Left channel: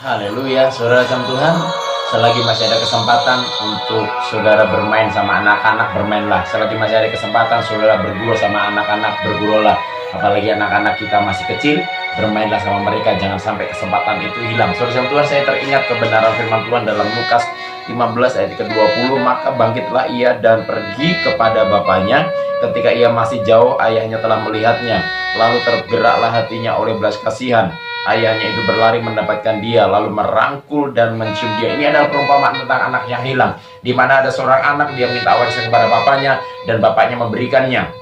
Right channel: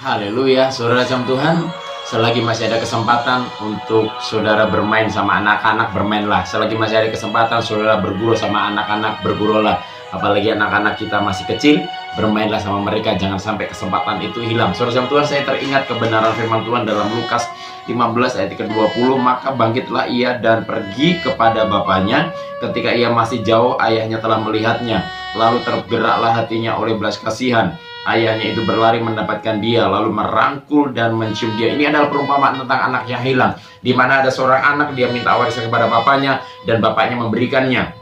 Haleluya, saudara jam Tuhan. Selagi masih ada kesempatan untuk saudara bermain sama anak-anak, bermainlah. Selagi masih ada kesempatan saudara bergurau sama anak-anak, berguraulah. Apalagi anak-anak kita masih kecil, bermainlah sama mereka. Jangan sampai kesempatan itu hilang. Saudara jam Tuhan, saya teringat kebenaran firman Tuhan dalam Lukas 15 ayat ke-20. Maka bangkitlah ia dan pergi kepada bapaknya. Ketika ia masih jauh, ayahnya telah melihatnya. Lalu tergeraklah hatinya oleh belas kasihan. Ayahnya itu berlari mendapatkan dia, lalu merangkul dan mencium dia. Ini adalah perumpamaan tentang anak yang hilang, di mana ada seorang anak, dia minta warisan kepada bapaknya, dan bapaknya memberikannya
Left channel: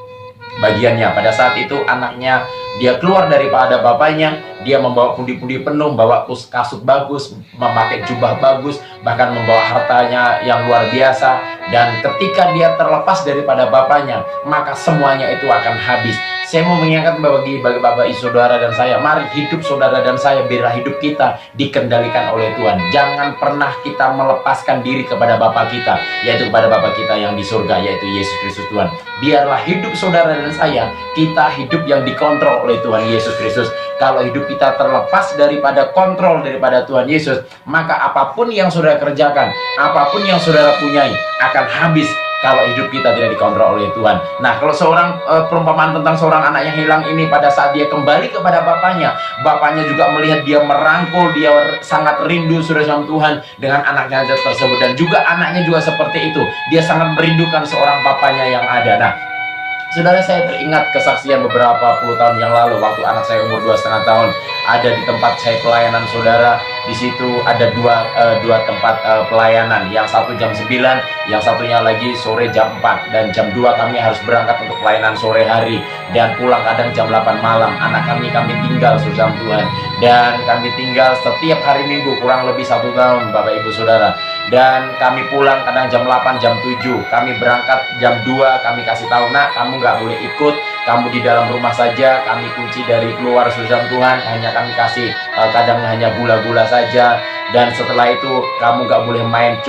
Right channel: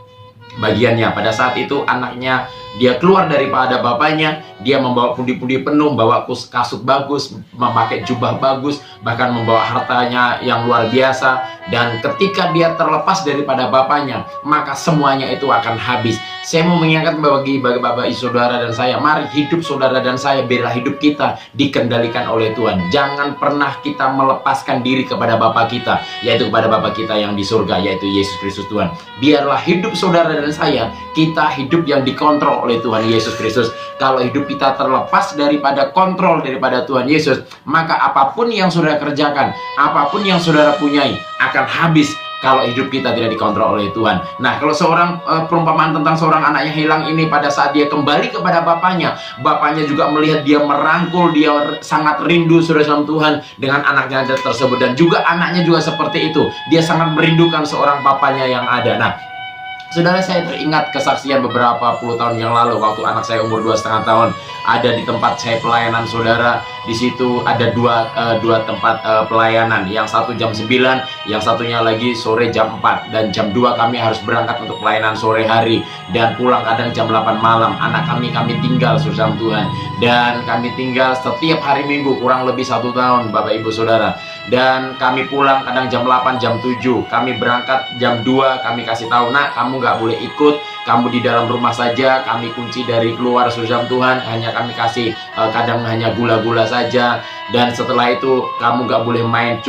bagiannya. Pada saat itu anaknya, dia keluar daripada bapaknya, dia membawa pundi-pundi penuh, membawa kasut bagus, memakai jubah bagus, bahkan membawa hartanya yang luar biasa. Dan ketika dia terlepas daripada bapaknya, maka semuanya itu akan habis. Saya mau mengingatkan bagi bapak ibu saudara dan saya, mari hidup saudara dan saya, biarlah hidup kita dikendalikan oleh Tuhan. Jangan pernah kita melepaskan diri kepada Bapa kita, yaitu kepada Bapa kita yang di surga, yaitu Yesus Kristus Tuhan. Biarlah hidup saudara dan saya, kita hidup yang dikontrol oleh Tuhan Yesus Kristus. Kalau hidup kita terlepas daripada kontrol daripada Tuhan Yesus, maka apapun yang saudara kerjakan, apapun yang saudara punyai, akan habis kalau hidup kita tidak dikontrol oleh Tuhan. Nah, kalau seorang perumpamaan tentang seorang anak yang hilang ini, pada saat dia kembali kepada bapaknya, bapaknya juga melihat dia merangkul, dia sangat rindu saudara dalam Tuhan dengan anaknya tersebut, dan juga anaknya juga seperti itu. Dia sangat merindukan seorang bapaknya yang ada. Nah, saudara, saya teringat kesaksian beberapa puluh tahun yang lalu, waktu anak saya umur 2,5 tahun, ada di tempat saya pelayanan, saudara. Di situ ada dua tempat pelayanan, yang satu jam 9, yang satunya lagi sore jam 4, dan jam 2 kami harus berangkat untuk pelayanan sore hari, dan pulang kadang jam 8 malam. Anak kami tinggal, saudara Tuhan, dan kami tinggal setiap hari Minggu kurang lebih 1 tahun, Bapak Ibu Saudara. Dan kami pulang kadang jam 8, jam 7, kami berangkat jam 2, kami kasih tahu, nak, kamu nggak boleh ikut, kamu di dalam rumah saja, kami kunci dari keluar, saudara Tuhan. Hanya kami kasih kadang hanya gula-gula saja, dan setelah itu kamu nggak boleh main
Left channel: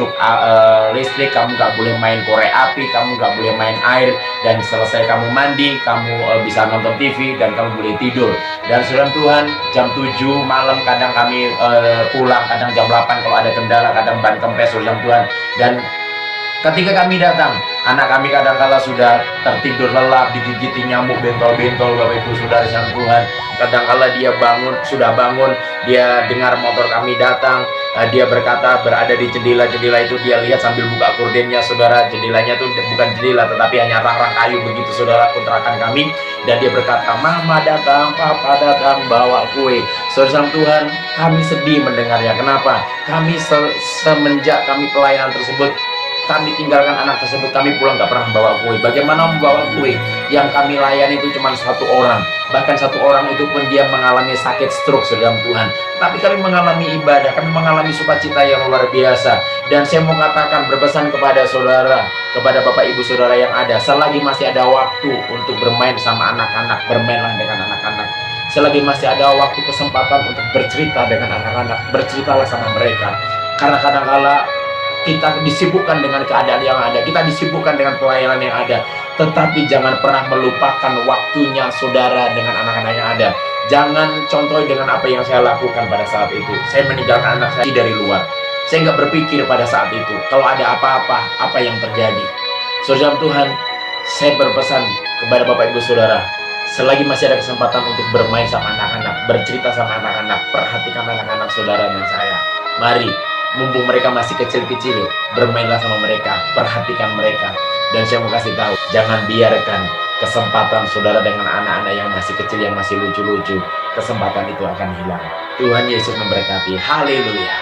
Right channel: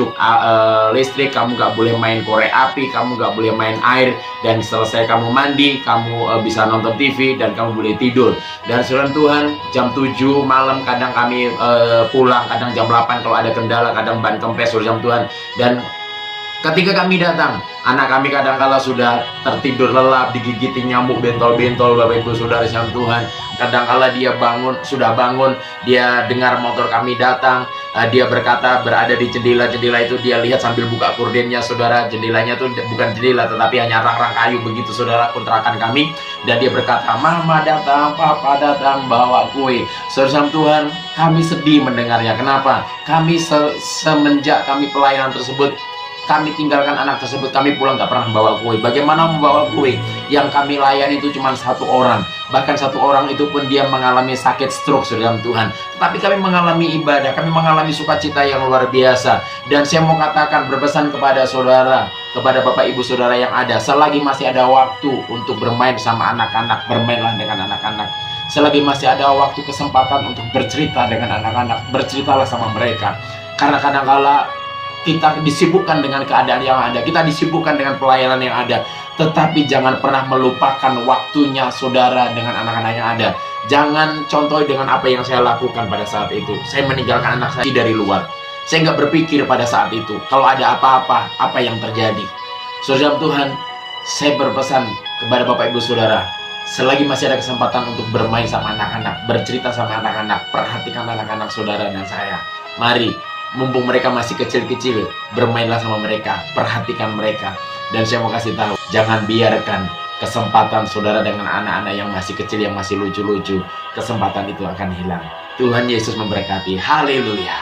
listrik, kamu nggak boleh main korek api, kamu nggak boleh main air, dan selesai kamu mandi, kamu bisa nonton TV, dan kamu boleh tidur. Dan saudara Tuhan, jam 7 malam kadang kami pulang, kadang jam 8 kalau ada kendala, kadang ban kempes, saudara Tuhan. Dan ketika kami datang, anak kami kadang-kala sudah tertidur lelap, digigiti nyamuk bentol-bentol, Bapak Ibu Saudara yang Tuhan. Kadang-kala dia sudah bangun, dia dengar motor kami datang, dia berkata, berada di jendela itu, dia lihat sambil buka gordennya, saudara. Jendelanya itu bukan jendela, tetapi hanya rang-rang kayu begitu, saudara, kontrakan kami. Dan dia berkata, mama datang, papa datang, bawa kue. Saudara Tuhan, kami sedih mendengarnya. Kenapa? Kami semenjak kami pelayanan tersebut, kami tinggalkan anak tersebut, kami pulang gak pernah bawa kue. Bagaimana membawa kue? Yang kami layani itu cuma 1 orang. Bahkan 1 orang itu pun dia mengalami sakit stroke, saudara Tuhan. Tapi kami mengalami ibadah, kami mengalami sukacita yang luar biasa. Dan saya mau katakan, berpesan kepada saudara, kepada Bapak Ibu Saudara yang ada, selagi masih ada waktu untuk bermain sama anak-anak, bermainlah dengan anak-anak. Selagi masih ada waktu, kesempatan untuk bercerita dengan anak-anak, berceritalah sama mereka. Karena kadang-kala kita disibukkan dengan keadaan yang ada, kita disibukkan dengan pelayanan yang ada, tetapi jangan pernah melupakan waktunya saudara dengan anak-anak yang ada. Jangan contoh dengan apa yang saya lakukan pada saat itu. Saya meninggalkan anak saya dari luar. Saya nggak berpikir pada saat itu kalau ada apa-apa, apa yang terjadi. Saudara Tuhan, saya berpesan kepada Bapak Ibu Saudara, selagi masih ada kesempatan untuk bermain sama anak-anak, bercerita sama anak-anak, perhatikan anak-anak saudara dan saya. Mari, mumpung mereka masih kecil-kecil, bermainlah sama mereka, perhatikan mereka. Dan saya mau kasih tahu, jangan biarkan kesempatan saudara dengan anak-anak yang masih kecil, yang masih lucu-lucu, kesempatan itu akan hilang. Tuhan Yesus memberkati. Haleluya.